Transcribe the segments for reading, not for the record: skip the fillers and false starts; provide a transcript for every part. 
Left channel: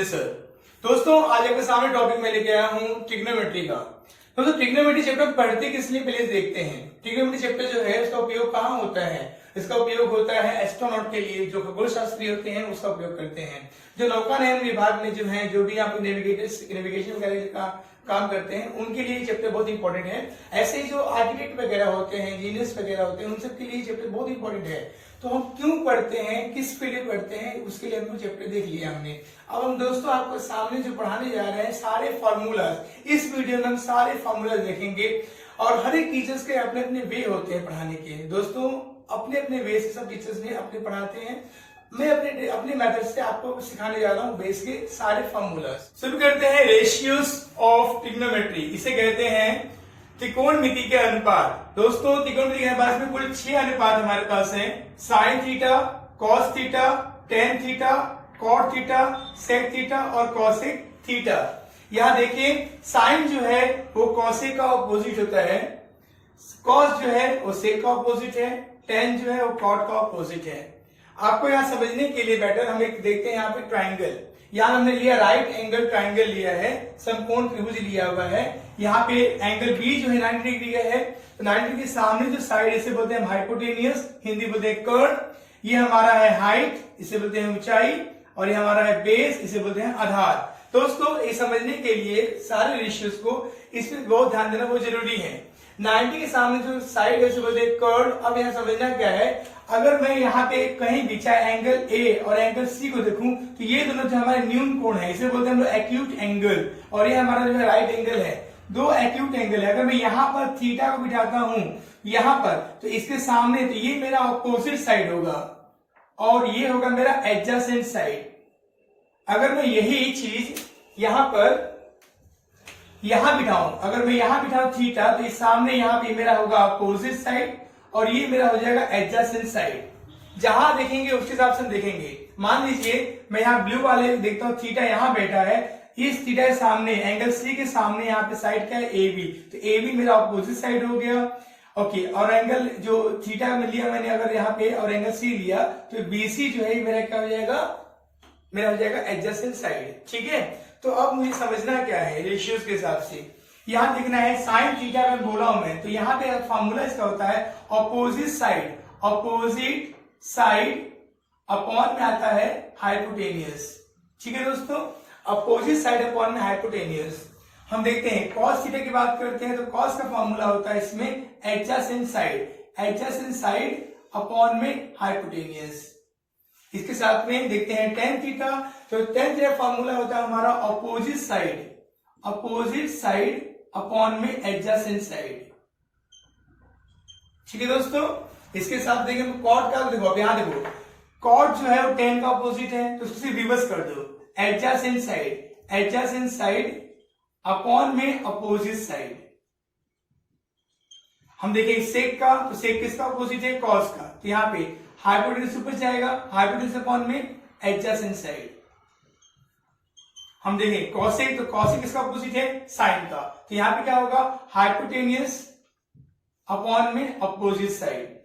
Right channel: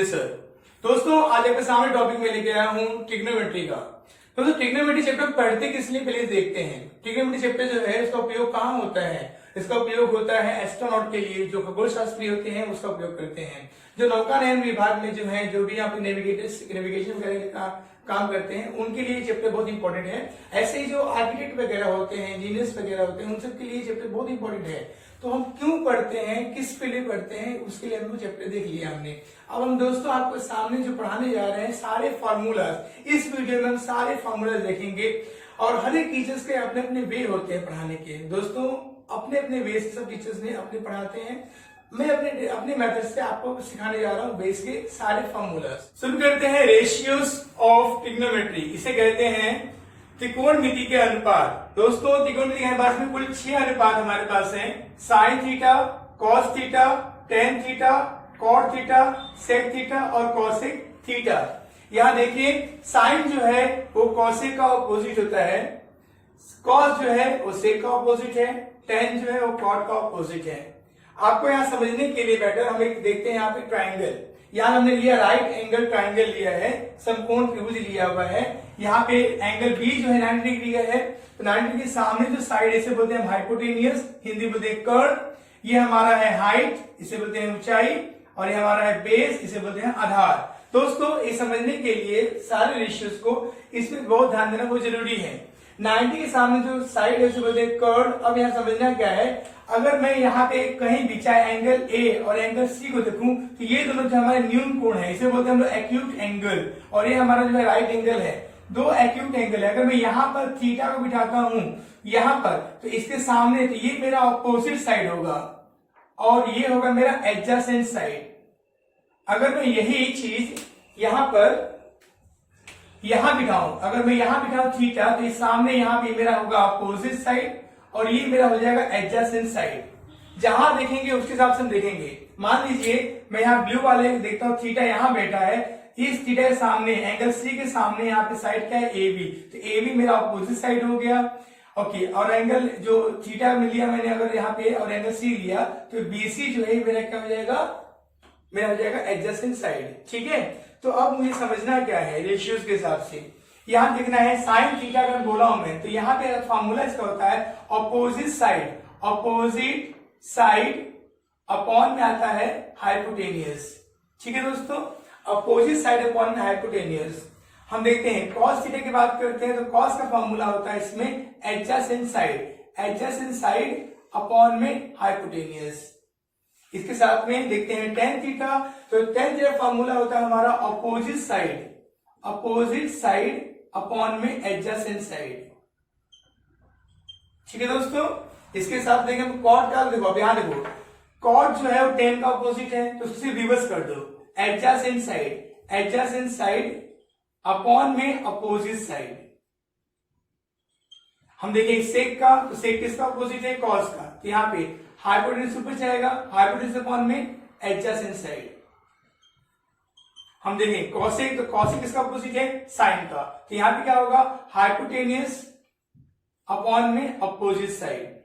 Sanjay sir. दोस्तों आज आपके सामने टॉपिक में लेके आया हूँ ट्रिग्नोमेट्री का। दोस्तों ट्रिग्नोमेट्री चैप्टर पढ़ते किस लिए पहले देखते हैं। ट्रिग्नोमेट्री चैप्टर जो है उसका उपयोग कहाँ होता है? इसका उपयोग होता है एस्ट्रोनॉट के लिए, जो खगोल शास्त्री होते हैं उसका उपयोग करते हैं। जो नौकानयन विभाग में जो है, जो भी यहाँ पे नेविगेशन वगैरह का काम करते हैं, उनके लिए चैप्टर बहुत इंपॉर्टेंट है। ऐसे ही जो आर्किटेक्ट वगैरह होते हैं, इंजीनियर्स वगैरह होते हैं, उन सबके लिए चैप्टर बहुत इंपॉर्टेंट है। तो हम क्यों पढ़ते हैं, किस पे लिए पढ़ते हैं, उसके लिए हमने चैप्टर देख लिया हमने। अब हम दोस्तों आपको सामने जो पढ़ाने जा रहे हैं सारे फार्मूलाज, इस वीडियो में हम सारे फार्मूलाज देखेंगे। और हर एक टीचर्स के अपने अपने वे होते हैं पढ़ाने के। दोस्तों अपने अपने वे से सब टीचर्स ने अपने पढ़ाते हैं। मैं अपने मेथड से आपको सिखाने जा रहा हूँ बेस के सारे फार्मूलाज। शुरू करते हैं रेशियोज ऑफ ट्रिग्नोमेट्री। इसे कहते हैं त्रिकोणमिति के अनुपात। दोस्तों त्रिकोणमिति के अनुपात में कुल 6 अनुपात हमारे पास हैं। Sine theta, cos theta, tan theta, cot theta, sec theta और कॉसेक थीटा। यहाँ देखिए साइन जो है वो कॉसेक का ऑपोजिट होता है, कॉस जो है वो सेक का ऑपोजिट है, टेन जो है वो कॉट का ऑपोजिट है। आपको यहाँ समझने के लिए बेटर हम एक देखते हैं यहाँ पे ट्राइंगल। यहाँ हमने लिया राइट एंगल ट्राइंगल लिया है, समकोण त्रिभुज लिया हुआ है। यहाँ पे एंगल बी जो है 90 डिग्री का है, तो 90 डिग्री के सामने जो साइड इसे बोलते हैं हाइपोटेनियस, हिंदी बोलते हैं कर्व। ये हमारा है हाइट, इसे बोलते हैं ऊंचाई, और ये हमारा है बेस, इसे बोलते हैं आधार। दोस्तों ये समझने के लिए सारे रेशियोज को इसमें बहुत ध्यान देना बहुत जरूरी है। 90 के सामने जो साइड है उसे बोलते हैं कर्व। अब यहाँ समझना क्या है, अगर मैं यहाँ पे कहीं भी चाहे एंगल ए और एंगल सी को देखूं तो ये दोनों जो हमारे न्यून कोण है, इसे बोलते हैं हम लोग एक्यूट एंगल, और ये हमारा जो है राइट एंगल है। दो एक्यूट एंगल है। अगर मैं यहाँ पर थीटा को बिठाता हूं यहाँ पर, तो इसके सामने तो ये मेरा ऑपोजिट साइड होगा और ये होगा मेरा एडजेसेंट साइड। अगर मैं यही चीज यहाँ पर यहां बिठाऊं, अगर मैं यहां बिठाऊं थीटा, तो इस सामने यहां पे मेरा होगा अपोजिट साइड और ये मेरा हो जाएगा एडजेसेंट साइड। जहां देखेंगे उसके हिसाब से हम देखेंगे। मान लीजिए मैं यहाँ ब्लू वाले देखता हूँ, थीटा यहां बैठा है, इस थीटा के सामने एंगल सी के सामने यहाँ पे साइड क्या है ए बी, तो ए बी मेरा अपोजिट साइड हो गया। ओके, और एंगल जो थीटा में लिया मैंने अगर यहाँ पे और एंगल सी लिया, तो बीसी जो है मेरा क्या हो जाएगा, मेरा हो जाएगा एडजेसेंट साइड। ठीक है, तो अब मुझे समझना क्या है रेशियोज के हिसाब से। यहां देखना है साइन थीटा अगर बोला हूं मैं, तो यहाँ पे फार्मूला इसका होता है opposite side, opposite side upon में आता है हाइपोटेनियस। ठीक है दोस्तों, अपोजिट साइड अपॉन में हाइपोटेनियस। हम देखते हैं कॉस थीटा की बात करते हैं, तो कॉस का फॉर्मूला होता है इसमें adjacent side, adjacent side upon में हाइपोटेनियस। इसके साथ में देखते हैं टेन थीटा, तो टेन थीटा फॉर्मूला होता है हमारा opposite side, opposite side upon में एडजेसेंट साइड। ठीक है दोस्तों, इसके साथ देखेंगे कॉट का, देखो अब यहां देखो कॉट जो है वो टेन का अपोजिट है, तो उससे रिवर्स कर दो, adjacent side, adjacent side upon में अपोजिट साइड। हम देखें सेक का, तो सेक किसका अपोजिट है, कॉस का, तो यहाँ पे हाइपोटेन्यूज ऊपर जाएगा, हाइपोटेन्यूज अपॉन में एडजेसेंट साइड। हम देखें कॉसेक, तो कॉसेक किसका अपोजिट है, साइन का, तो यहां पे क्या होगा, हाइपोटेनियस अपॉन में अपोजिट साइड।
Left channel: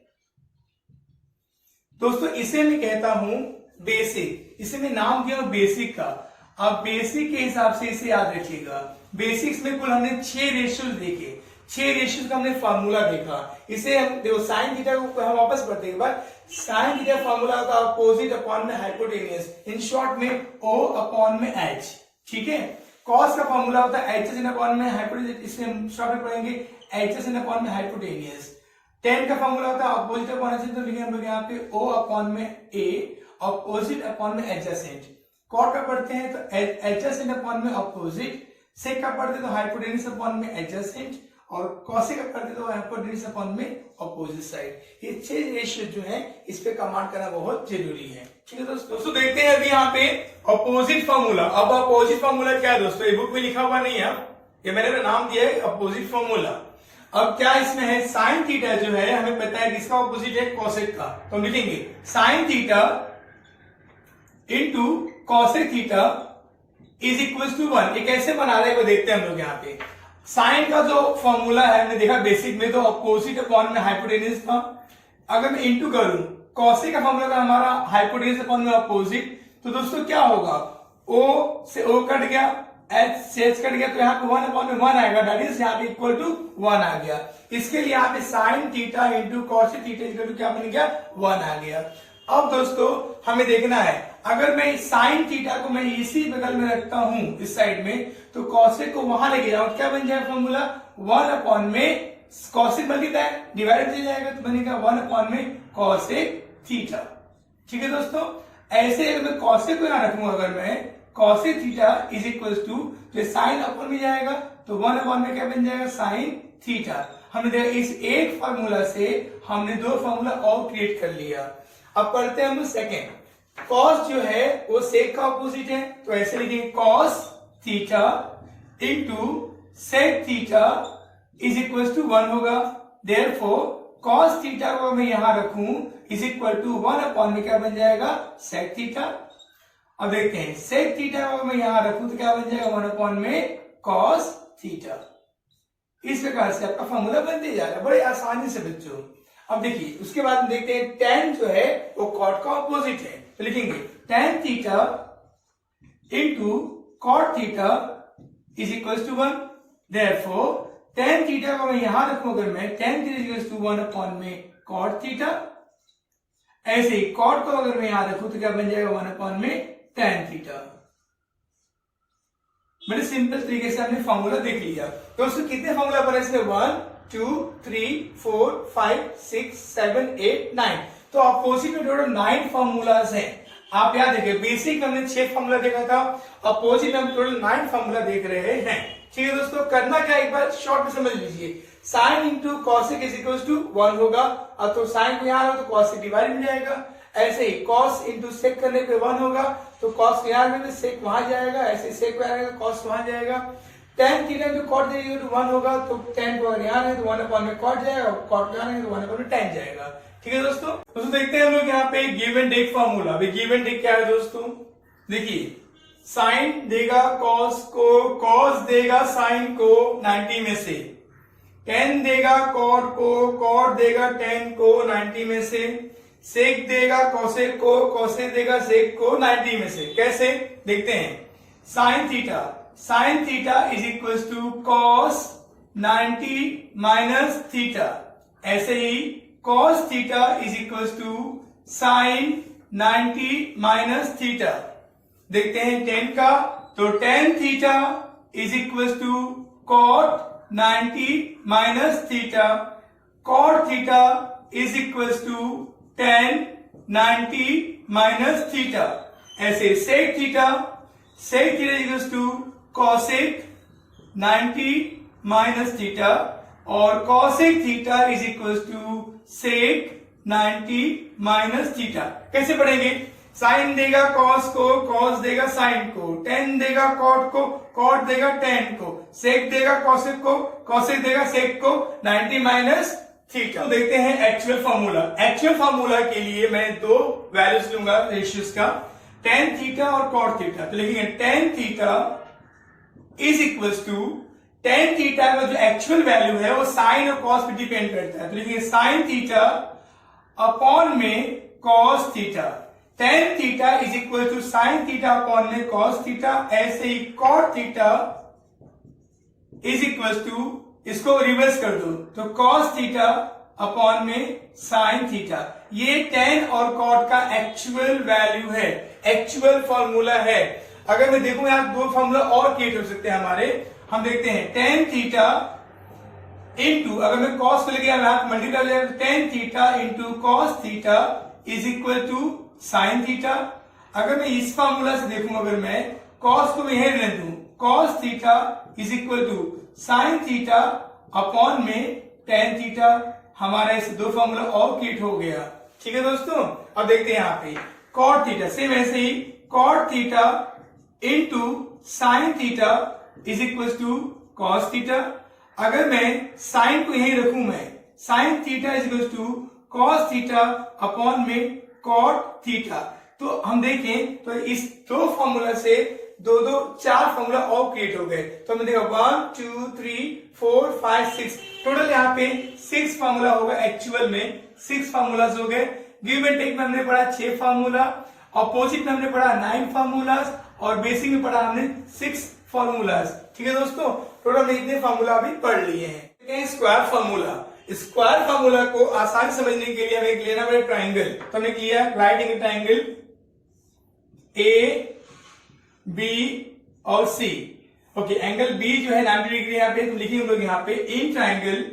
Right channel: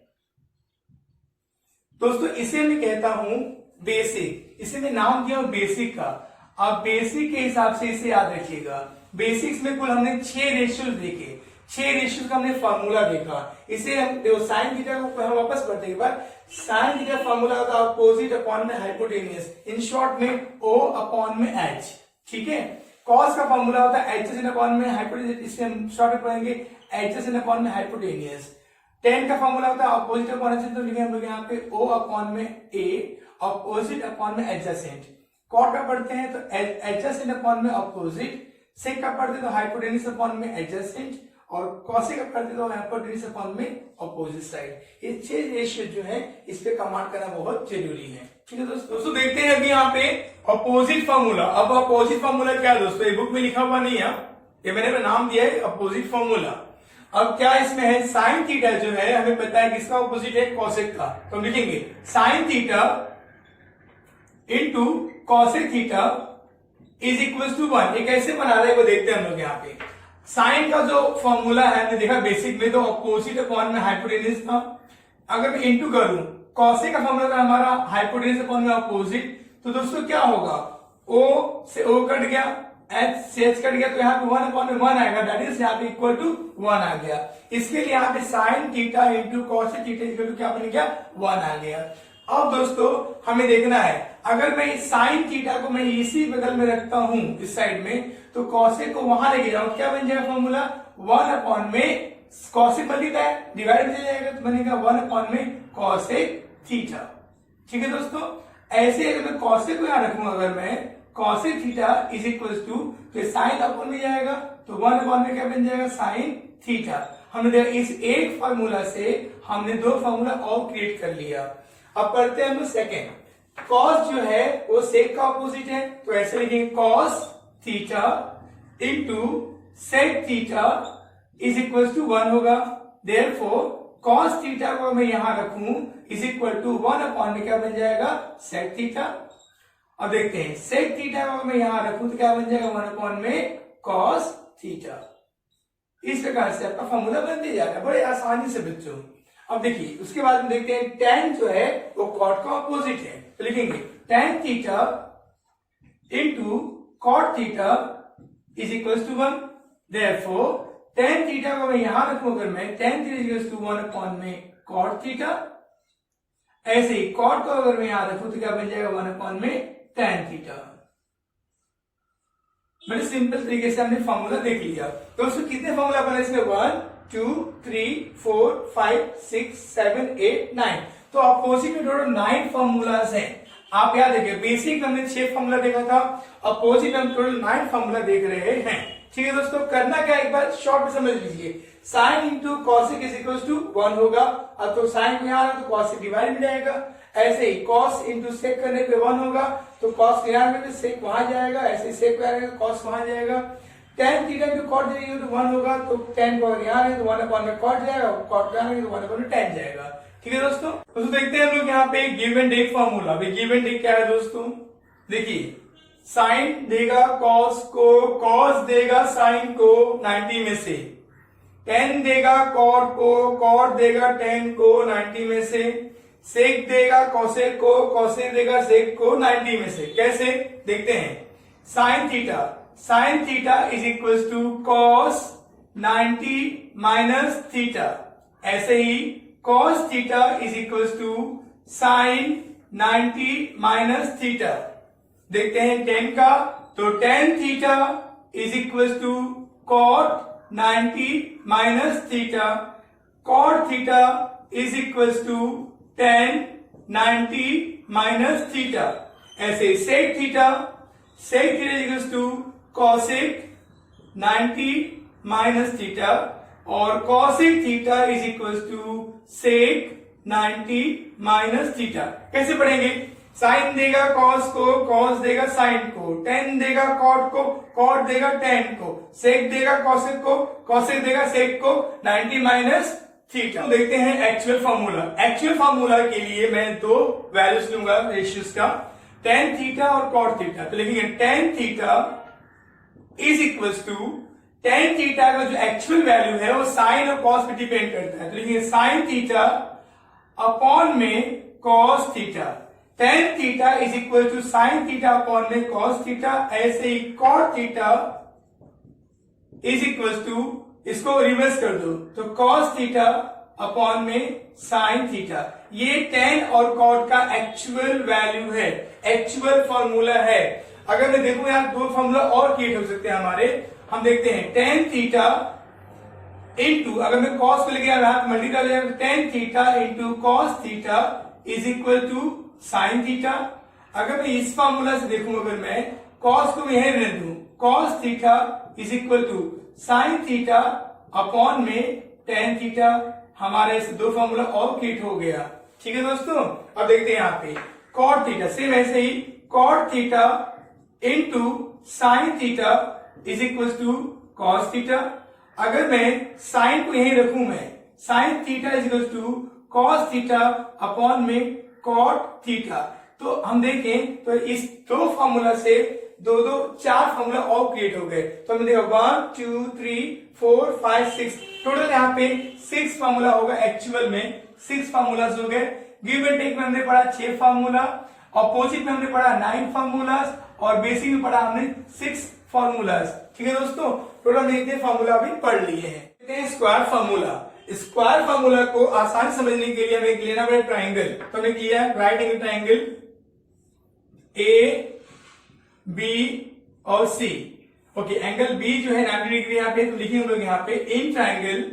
दोस्तों इसे मैं कहता हूं बेसिक, इसे मैं नाम दिया हूं बेसिक का। अब बेसिक के हिसाब से इसे याद रखिएगा। बेसिक्स में कुल हमने 6 रेशियोज देखे, 6 रेशियोज का हमने फार्मूला देखा। इसे हम देखो साइन थीटा को हम वापस पढ़ते एक बार। साइन थीटा फार्मूला होता है अपोजिट अपॉन में हाइपोटेनियस, इन शॉर्ट में ओ अपॉन में एच। ठीक है, कॉस का फार्मूला होता है एडजेसेंट अपॉन में हाइपोटेनियस, इसे हम शॉर्ट में पढ़ेंगे एडजेसेंट अपॉन में हाइपोटेनियस। टेन का फार्मूला होता है अपोजिट अपॉन एडजेसेंट, तो लिखे हम लोग यहाँ पे ओ अपॉन में ए, अपोजिट अपॉन में एडजेसेंट। कॉट का पढ़ते हैं तो एडजेसेंट अपॉन में अपोजिट, सेक का पढ़ते तो हाइपोटेनियस अपॉन में एडजेसेंट, और कॉसेक का पढ़ते तो हाइपोटेनियस अपॉन में अपोजिट साइड। ये 6 रेशियो जो है इस पे कमांड करना बहुत जरूरी है। ठीक है दोस्तों, देखते हैं अभी यहाँ पे अपोजिट फार्मूला। अब अपोजिट फार्मूला क्या है दोस्तों, ये बुक में लिखा हुआ नहीं है, ये मैंने नाम दिया है अपोजिट फार्मूला। अब क्या इसमें है, साइन थीटा जो है हमें पता है किसका अपोजिट है, कॉसेक का, तो हम लिखेंगे sine theta into cosec theta is equal to 1। ये कैसे बना रहे हैं वो देखते हैं हम लोग। यहाँ पे साइन का जो फॉर्मूला है हमने देखा बेसिक में, तो अपोजिट अपॉन में हाइपोटेन्यूज था। अगर मैं इंटू करूं कॉसेक का फॉर्मूला हमारा हाइपोटेन्यूज अपॉन में अपोजिट, तो दोस्तों क्या होगा, ओ से ओ कट गया, एच से एच कट गया, तो यहाँ पे 1/1 आएगा, दैट इज यहाँ पे इक्वल टू 1 आ गया। इसके लिए यहाँ पे sine theta into cos theta equal to क्या बन गया, 1 आ गया। अब दोस्तों हमें देखना है, अगर मैं साइन थीटा को मैं इसी बगल में रखता हूं इस साइड में, तो कॉसेक को वहां लेके जाऊं, क्या बन जाएगा फॉर्मूला, 1 में कॉसेक बन है डिवाइड हो जाएगा, तो बनेगा 1 में कॉसेक थीटा। ठीक है दोस्तों, ऐसे अगर मैं कॉसेक को यहां रखूंगा, अगर मैं cosec theta is equal to, तो साइन अपॉन में जाएगा, तो 1 में क्या बन जाएगा, साइन थीटा। हमने देखा इस एक फार्मूला से हमने 2 फार्मूला और क्रिएट कर लिया। अब पढ़ते हैं हम लोग सेकेंड। कॉस जो है वो सेक का ऑपोजिट है, तो ऐसे लिखेंगे cos theta into sec theta is equal to 1 होगा। देयरफॉर कॉस थीटा को मैं यहां रखूं इज इक्वल टू 1 में क्या बन जाएगा, सेक थीटा। अब देखते हैं सेक थीटा को मैं यहां रखूं तो क्या बन जाएगा, 1 में कॉस थीटा। इस प्रकार से आपका फॉर्मूला बनते जा रहा है बड़े आसानी से बच्चों। अब देखिए उसके बाद में देखते हैं टेन जो है वो कॉट का ऑपोजिट है, तो लिखेंगे tan theta into cot theta is equal to 1। Therefore tan theta को मैं यहां रखूं, अगर मैं tan theta is equal to 1 में कॉट थीटा, ऐसे ही कॉट को अगर मैं यहां रखूं तो क्या बन जाएगा, 1 में टेन थीटा। बड़े सिंपल तरीके से हमने फॉर्मूला देख लिया। तो उसमें कितने फॉर्मूला बने इसमें, 1 2 3 4 5 6 7 8 9, तो अपोजिट में टोटल 9 फॉर्मूलाज हैं। आप याद रखिए बेसिक हमने 6 फॉर्मूला देखा था, अपोजिट में हम टोटल 9 फॉर्मूला देख रहे हैं। ठीक है दोस्तों, करना क्या एक बार शॉर्ट में समझ लीजिए, sine into cosec is equal to 1 होगा, और तो साइन को यहां तो कॉस से डिवाइड हो जाएगा। ऐसे ही कॉस इंटू सेक करने पे 1 होगा, तो कॉस यहां में सेक वहां जाएगा, ऐसे सेक आएगा कॉस वहां जाएगा। टेन थीटा इंटू कॉट जाएगा तो 1 होगा, तो 10 को अगर यहाँ है तो 1 में कॉट जाएगा, कॉट को यहाँ तो 1 में टेन जाएगा। ठीक है दोस्तों, देखते हैं हम लोग यहाँ पे give and take formula. Give and take क्या है दोस्तों, देखिए साइन देगा कॉस को, कॉस देगा साइन को 90 में से, टेन देगा कॉट को, कॉट देगा टेन को 90 में से, सेक देगा कॉसेक को, कॉसेक देगा सेक को 90 में से। कैसे देखते हैं, sine theta is equal to cos 90 minus theta, ऐसे ही cos theta is equal to sine 90 minus theta. देखते हैं टेन का, तो tan theta is equal to cot 90 minus theta, cot theta is equal to tan 90 minus theta. ऐसे sec theta is equal to cosec 90 minus theta, और cosec theta is equal to sec 90 minus theta. कैसे पढ़ेंगे, sign देगा cos को, cos देगा sign को, ten देगा cot को, कॉट देगा टेन को, सेक देगा कॉसेक को, कॉसेक देगा सेक को 90 माइनस थीटा। तो देखते हैं एक्चुअल फॉर्मूला। एक्चुअल फॉर्मूला के लिए मैं 2 वैल्यूज लूंगा रेशियोज का, टेन थीटा और कॉट थीटा। तो लिखेंगे tan theta is equal to, tan theta का जो एक्चुअल वैल्यू है वो साइन और कॉस पे डिपेंड करता है, तो लिखेंगे साइन थीटा अपॉन में cos theta. Tan theta is equal to sine theta upon में कॉस थीटा, ऐसे ही cot theta is equal to, इसको रिवर्स कर दो तो कॉस थीटा अपॉन में साइन थीटा। ये टेन और कॉट का एक्चुअल वैल्यू है, एक्चुअल फॉर्मूला है। अगर मैं देखूं यहां 2 फॉर्मूला और क्रिएट हो सकते हैं हमारे, हम देखते हैं टेन थीटा इंटू, अगर मैं कॉस को लेके मल्टीप्लाई हो जाएगा, tan theta into cos theta is equal to sine theta. अगर मैं इस फॉर्मूला से देखूं, अगर मैं कॉस को यहीं रहने दूं, cos theta is equal to sine theta upon में टेन थीटा, हमारा इस 2 फॉर्मूला और क्रिएट हो गया। ठीक है दोस्तों, अब देखते हैं यहाँ पे कॉट थीटा, सेम ऐसे ही cot theta into sine theta is equal to cos theta. अगर मैं साइन को यहीं रखूं, मैं sine theta is equal to cos theta upon में कॉट थीटा, तो हम देखें तो इस 2 फॉर्मूला से 4 फॉर्मूला और क्रिएट हो गए। तो हमने देखा 1 2 3 4 5 6, टोटल यहाँ पे 6 फॉर्मूला होगा। एक्चुअल में 6 फॉर्मूलाज हो गए। गिव एंड टेक में हमने पढ़ा 6 फॉर्मूला, अपोजिट में हमने पढ़ा 9 फार्मूलाज और बेसिक में पढ़ा हमने 6 फार्मूलाज। ठीक है दोस्तों, टोटल हमने इतने फार्मूला भी पढ़ लिए हैं। स्क्वायर फार्मूला, स्क्वायर फार्मूला को आसानी समझने के लिए हमें एक लेना पड़ेगा ट्राइंगल। तो हमने किया है right angle triangle A B और सी। ओके, एंगल बी जो है 90 डिग्री यहाँ पे, तो लिखेंगे हम लोग यहाँ पे in triangle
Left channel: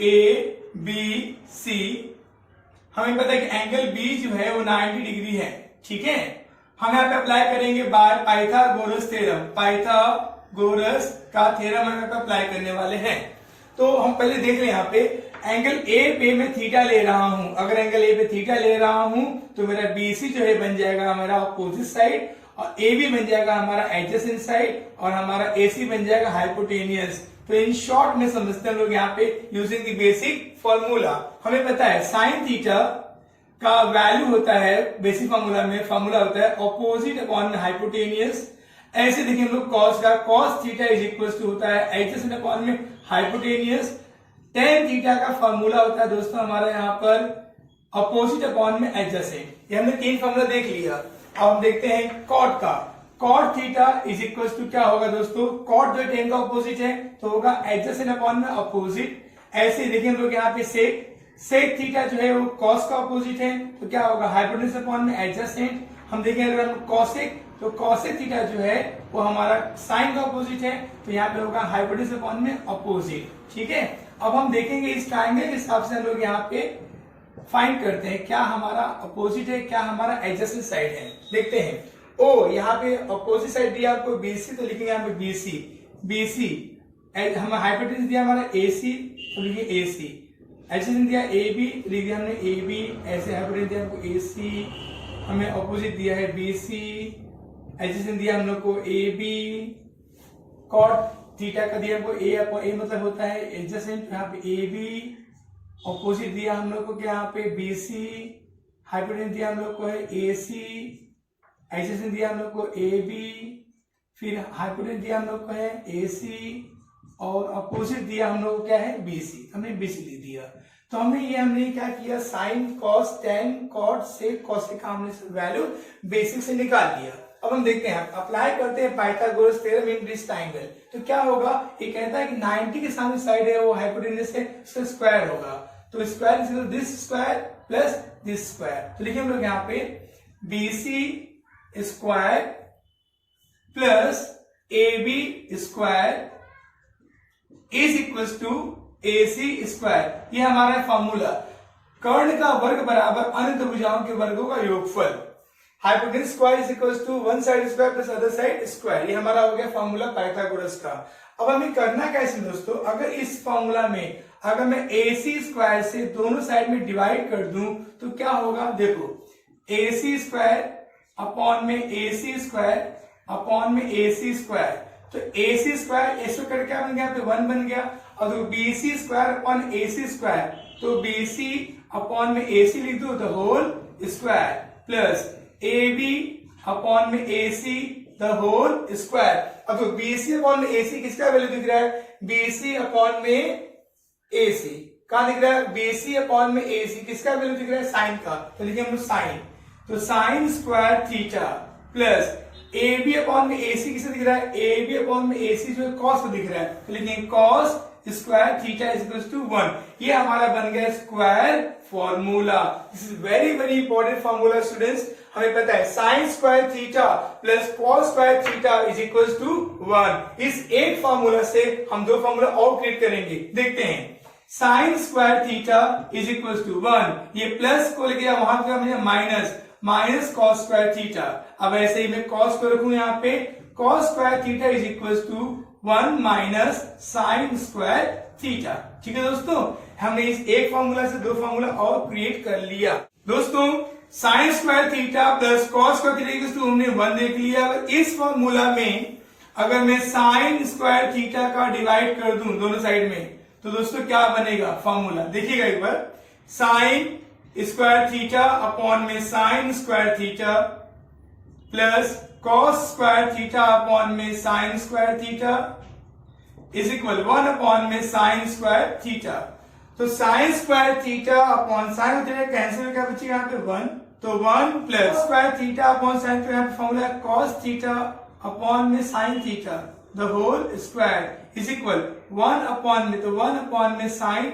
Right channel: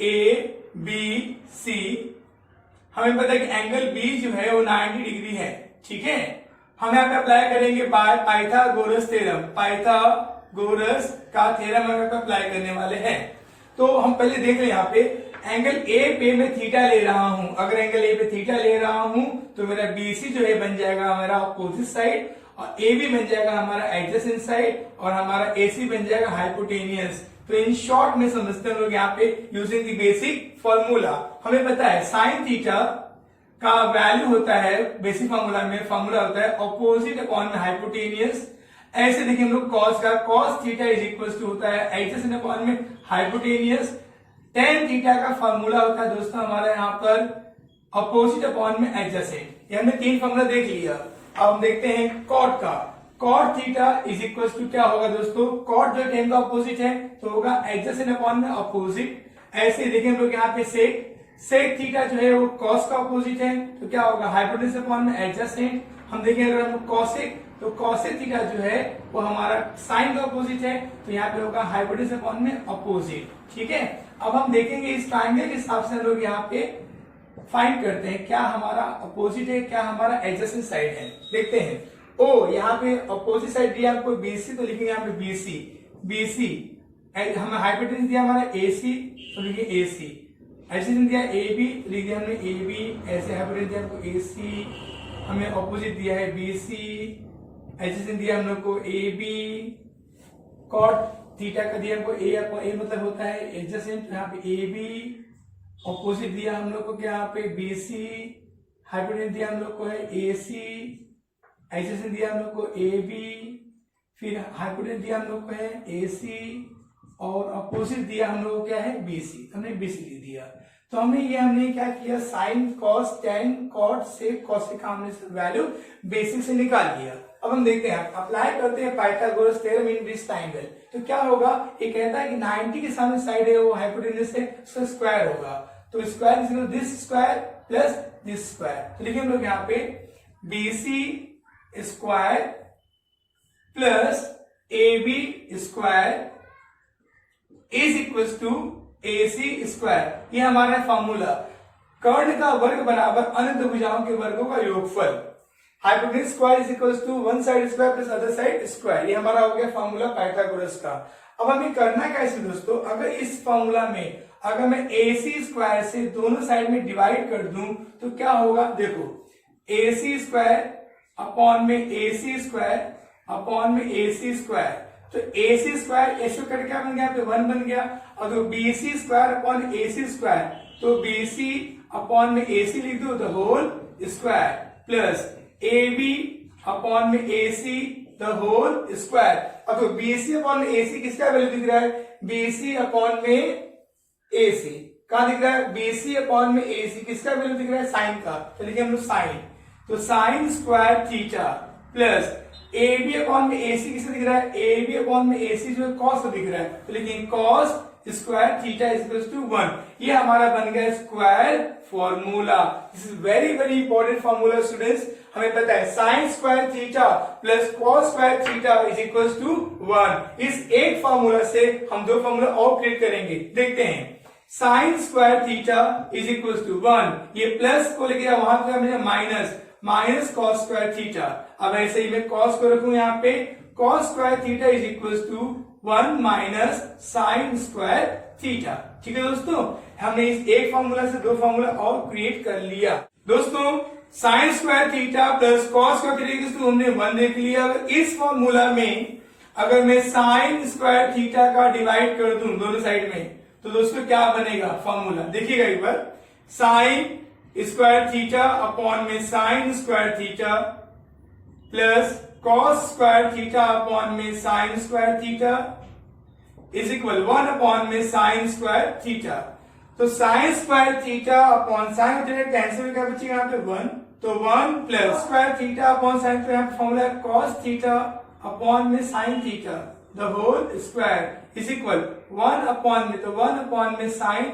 A B C. हमें पता है कि एंगल बी जो है वो 90 डिग्री है। ठीक है, हम यहाँ पे अप्लाई करेंगे बाय पाइथागोरस थ्योरम। पाइथागोरस का थ्योरम हम यहाँ पे अप्लाई करने वाले हैं। तो हम पहले देख लें यहाँ पे एंगल ए पे मैं थीटा ले रहा हूं। अगर एंगल ए पे थीटा ले रहा हूं तो मेरा बीसी जो है बन जाएगा हमारा अपोजिट साइड, और ए बी बन जाएगा हमारा एडजेसेंट साइड, और हमारा एसी बन जाएगा हाइपोटेनियस। तो इन शॉर्ट में समझते हैं लोग यहाँ पे यूजिंग द बेसिक फॉर्मूला। हमें पता है साइन थीटा का वैल्यू होता है बेसिक फॉर्मूला में, फॉर्मूला होता है अपोजिट अपॉन में हाइपोटेनियस। ऐसे देखिए हम लोग कॉस का, cos theta is equal to होता है एडजेसेंट अपॉन में हाइपोटेनियस। टेन थीटा का फॉर्मूला होता है दोस्तों हमारा यहाँ पर अपोजिट अपॉन में एडजेसेंट। ये हमने 3 फॉर्मूला देख लिया। अब हम देखते हैं कॉट का। Cot theta is equal to क्या होगा दोस्तों, कॉट जो टेन का अपोजिट है तो होगा एडजेसेंट अपॉन में अपोजिट। ऐसे देखिए हम लोग यहाँ पे सेक थीटा जो है वो कॉस का अपोजिट है तो क्या होगा हाइपोटेन्यूस अपॉन में एडजेसेंट। हम देखें अगर हम कॉसेक, तो कॉसेक थीटा जो है वो हमारा साइन का अपोजिट है तो यहाँ पे होगा हाइपोटेन्यूस अपॉन में अपोजिट। ठीक है, अब हम देखेंगे इस ट्राइंगल के हिसाब से हम लोग यहाँ पे फाइंड करते हैं क्या हमारा अपोजिट है, क्या हमारा एडजेसेंट साइड है। देखते हैं ओ यहाँ पे अपोजिट साइड दिया आपको बीसी, तो लिखेंगे यहाँ पे बीसी। हमें हाइपोटेन्यूस दिया हमारा एसी तो लिखिए एसी। एडजेसेंट दिया एबी, लिख दिया हमने एबी। ऐसे हाइपोटेन्यूस दिया हमको एसी, हमें अपोजिट दिया है बीसी। एडजेसेंट दिया हम लोग को एबी। कॉट थीटा का दिया हमको ए अपॉन ए मतलब होता है एडजेसेंट, यहाँ पे ए बी। ऑपोजिट दिया हम लोग को क्या यहाँ पे बी सी। हाइपोटेन्यूस दिया हम लोग को है ए सी। एडजेसेंट दिया हम लोग को ए बी। फिर हाइपोटेन्यूस दिया हम लोग को है ए सी, और अपोजिट दिया हम लोग को क्या है बी सी। हमने बी सी लिख दिया। तो हमने क्या किया, sine cos tan cot sec cosec का हमने वैल्यू बेसिक से निकाल दिया। अब हम देखते हैं, अप्लाई करते हैं Pythagoras theorem in this triangle. तो क्या होगा, ये कहता है कि 90 के सामने साइड है वो हाइपोटेन्यूस है, उसका स्क्वायर होगा। तो square is this square plus this square. तो लिखिए हम लोग यहाँ पे BC square plus AB square is equal to AC square. ये हमारा फॉर्मूला। कर्ण का वर्ग बराबर अनंत भुजाओं के वर्गों का योगफल। Hypotenuse square is equal to one side square plus other side square. ये हमारा हो गया फॉर्मूला पाइथागोरस का। अब हमें करना कैसे दोस्तों, अगर इस फॉर्मूला में अगर मैं AC स्क्वायर से दोनों साइड में डिवाइड कर दूं तो क्या होगा, देखो AC स्क्वायर अपॉन में AC स्क्वायर अपॉन में AC स्क्वायर। तो AC स्क्वायर ऐसे करके क्या बन गया, यहाँ पे 1 बन गया। और तो BC square upon AC square, तो BC अपॉन में AC लिख दो the whole square plus AB upon में AC द होल स्क्वायर। अब तो BC अपॉन में AC किसका वैल्यू दिख रहा है, BC अपॉन में AC कहा दिख रहा है, BC अपॉन में AC किसका वैल्यू दिख रहा है, साइन का। तो लिखेंगे हम साइन, तो sine square theta plus AB upon में AC किसे दिख रहा है, AB अपॉन में AC जो है कॉस को दिख रहा है। तो लिखेंगे cos square theta is equal to 1। ये हमारा बन गया square formula. This is very very important formula students. हमें पता है sine square theta plus cos square theta is equal to 1। इस एक फॉर्मूला से हम 2 फॉर्मूला और क्रिएट करेंगे। देखते हैं, sine square theta is equal to 1। ये प्लस को लेके वहां पे हमने माइनस कॉस स्क्वायर थीटा। अब ऐसे ही मैं कॉस को रखूं यहाँ पे, cos square theta is equal to 1 minus sine square theta. ठीक है दोस्तों, हमने इस एक फॉर्मूला से 2 फॉर्मूला और क्रिएट कर लिया। दोस्तों sine square theta plus cos square theta equal to हमने 1 देख लिया। अगर इस फॉर्मूला में अगर मैं साइन स्क्वायर थीटा का डिवाइड कर दूं दोनों साइड में, तो दोस्तों क्या बनेगा फॉर्मूला, देखिएगा एक बार। साइन स्क्वायर थीटा अपॉन में sine square theta plus cos square theta upon में sine square theta is equal 1 upon में साइन स्क्वायर थीटा। तो sine square theta upon sine theta cancel क्या बचेगा यहाँ पे 1, तो 1 plus square theta upon sine, तो यहाँ पे फॉर्मूला है कॉस थीटा अपॉन में sine theta the whole square is equal 1 upon में, तो 1 अपॉन में sine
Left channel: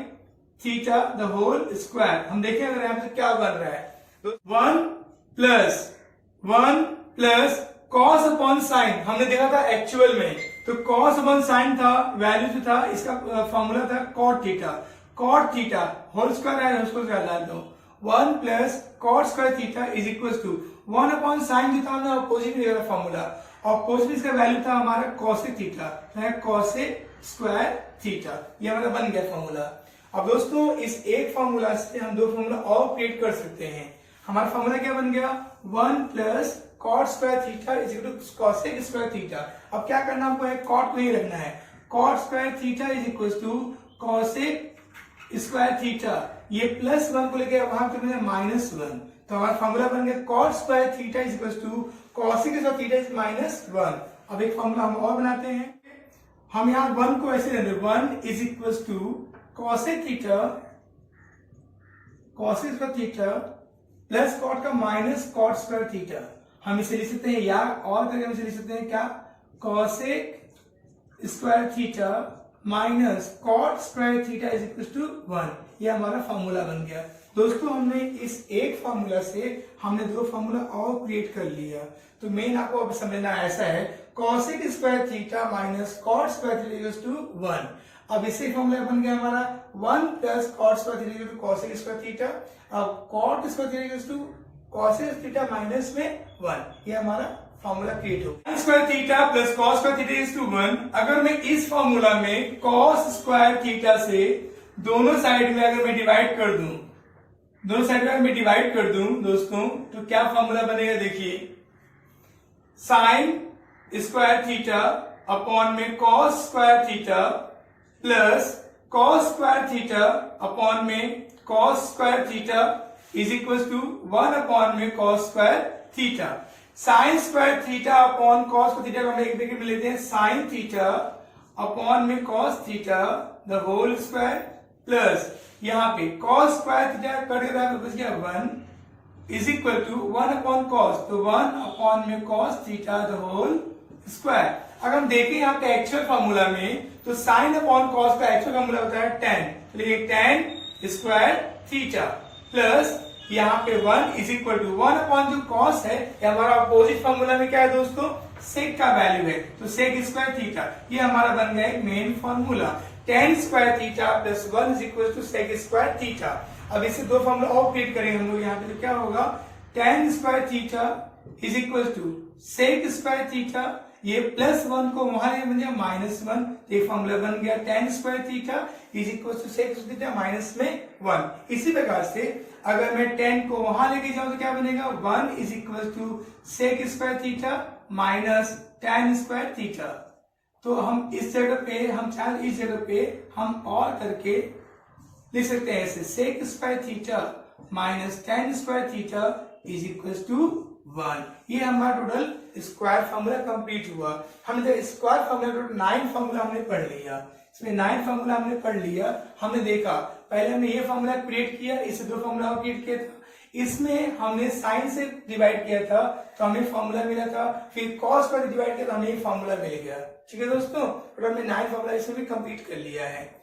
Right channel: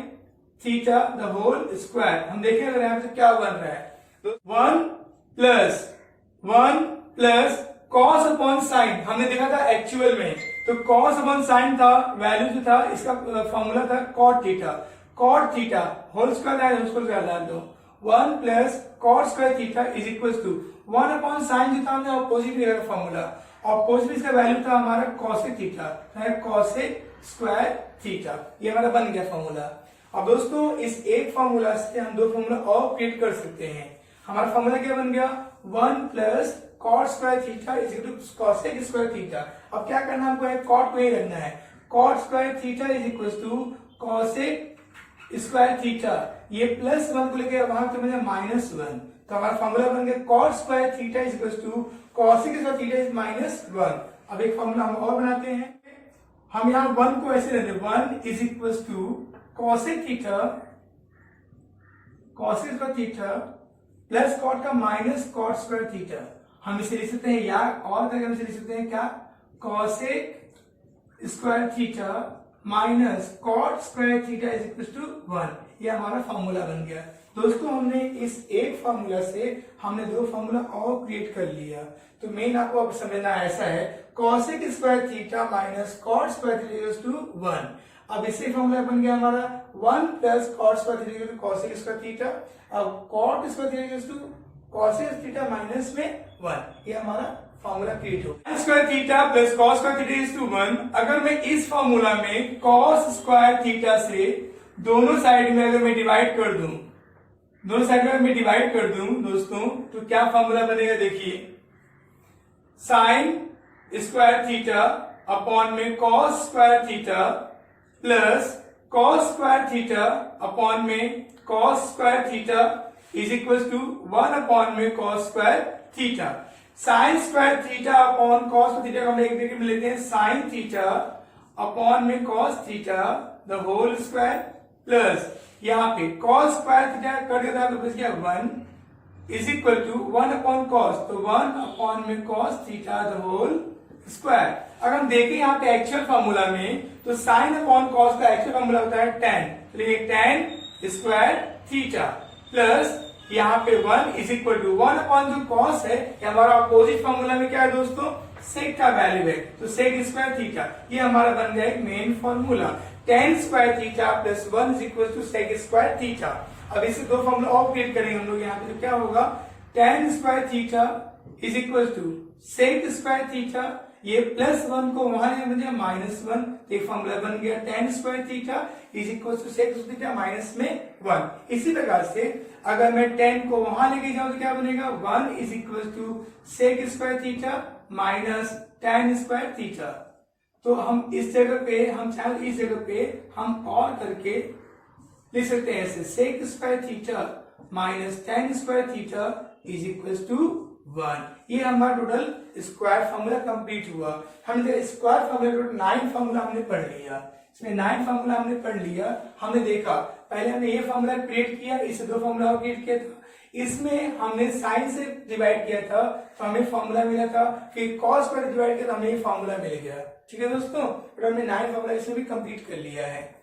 theta the whole square. हम देखें अगर यहाँ पे क्या बन रहा है, तो 1 प्लस कॉस अपॉन साइन, हमने देखा था एक्चुअल में, तो कॉस अपॉन साइन था, वैल्यू जो था इसका फॉर्मूला था कॉट थीटा होल स्क्वायर डाल दो, 1 plus cot square theta is equal to 1 upon sine जो था हमने ऑपोजिट में लिखा फॉर्मूला, ऑपोजिट इसका वैल्यू था हमारा cosec theta, cosec square theta, ये हमारा बन गया फॉर्मूला। अब दोस्तों इस एक फॉर्मूला से हम दो फॉर्मूला और क्रिएट कर सकते हैं। हमारा फॉर्मूला क्या बन गया, 1 plus cot square theta is equal to cosec square theta. अब क्या करना हमको है, कॉट को ही रखना है, cot square theta is equal to cosec square theta, ये प्लस 1 को लेकर वहां तो मिला -1, तो हमारा फॉर्मूला बन गया cot square theta is equal to cosec square theta is -1। अब एक फॉर्मूला हम और बनाते हैं, हम यहाँ 1 को ऐसे लेते हैं, 1 is equal to cosec square theta plus cot का माइनस कॉट स्क्वायर थीटा। हम इसे लिख सकते हैं, या और करके हम इसे लिख सकते हैं क्या, cosec square theta minus cot square theta is equal to 1। ये हमारा फॉर्मूला बन गया। दोस्तों हमने इस एक फॉर्मूला से हमने दो फॉर्मूला और क्रिएट कर लिया। तो मेन आपको अब समझना ऐसा है, cosec square theta minus cot square theta equal to 1। अब इससे फॉर्मूला बन गया हमारा 1 plus cot square theta equal to cosec square theta, अब cot square theta equal to cosec theta minus में 1। ये हमारा फॉर्मूला क्रिएट हो गया। Square theta plus cos square theta is to 1। अगर मैं इस फॉर्मूला में कॉस स्क्वायर थीटा से दोनों साइड में अगर मैं डिवाइड कर दूं, दोस्तों, तो क्या फॉर्मूला बनेगा, देखिए, साइन स्क्वायर थीटा अपॉन में cos square theta plus cos square theta upon में cos square theta is equal to 1 upon में cos square theta. Sine square theta upon cos theta को हम एक ब्रैकेट में लेते हैं, साइन थीटा अपॉन में cos theta the whole square plus यहाँ पे कॉस स्क्वायर थीटा कर देता है तो बच गया 1 is equal to 1 upon cos, तो 1 अपॉन में cos theta the whole square. अगर हम देखें यहाँ पे एक्चुअल फॉर्मूला में, तो साइन अपॉन कॉस का एक्चुअल फॉर्मूला होता है 10, तो ये 10 स्क्वायर थीटा प्लस यहाँ पे 1 इज इक्वल टू 1 अपॉन जो कॉस है, हमारा अपोजिट फॉर्मूला में क्या है दोस्तों, सेक का वैल्यू है, तो सेक स्क्वायर थीटा, ये हमारा बन गया एक main formula. 10 square theta plus 1 is equal to sec square theta. अब इससे दो फॉर्मूला और क्रिएट करेंगे हम लोग यहाँ पे, तो क्या होगा, 10 square theta is equal to sec square theta, ये प्लस 1 को वहां ले बन जाए -1, एक फॉर्मूला बन गया 10 square theta is equal to sec theta minus में 1। इसी प्रकार से अगर मैं 10 को वहां लेके जाऊं तो क्या बनेगा, 1 is equal to sec square theta minus tan square theta. तो हम इस जगह पे, हम चाहे इस जगह पे हम और करके लिख सकते हैं ऐसे, sec square theta minus tan square theta is equal to 1। ये हमारा टोटल स्क्वायर फॉर्मूला कंप्लीट हुआ। हमने स्क्वायर फॉर्मूला 9 फॉर्मूला हमने पढ़ लिया, इसमें 9 फॉर्मूला हमने पढ़ लिया। हमने देखा पहले हमने ये फॉर्मूला क्रिएट किया, इससे दो फॉर्मूला और क्रिएट किया था, इसमें हमने साइन से डिवाइड किया था तो हमें फॉर्मूला मिला था, फिर कॉस पर डिवाइड किया तो हमें फॉर्मूला मिल गया। ठीक है दोस्तों, हमने 9 फॉर्मूला इसमें भी कंप्लीट कर लिया है।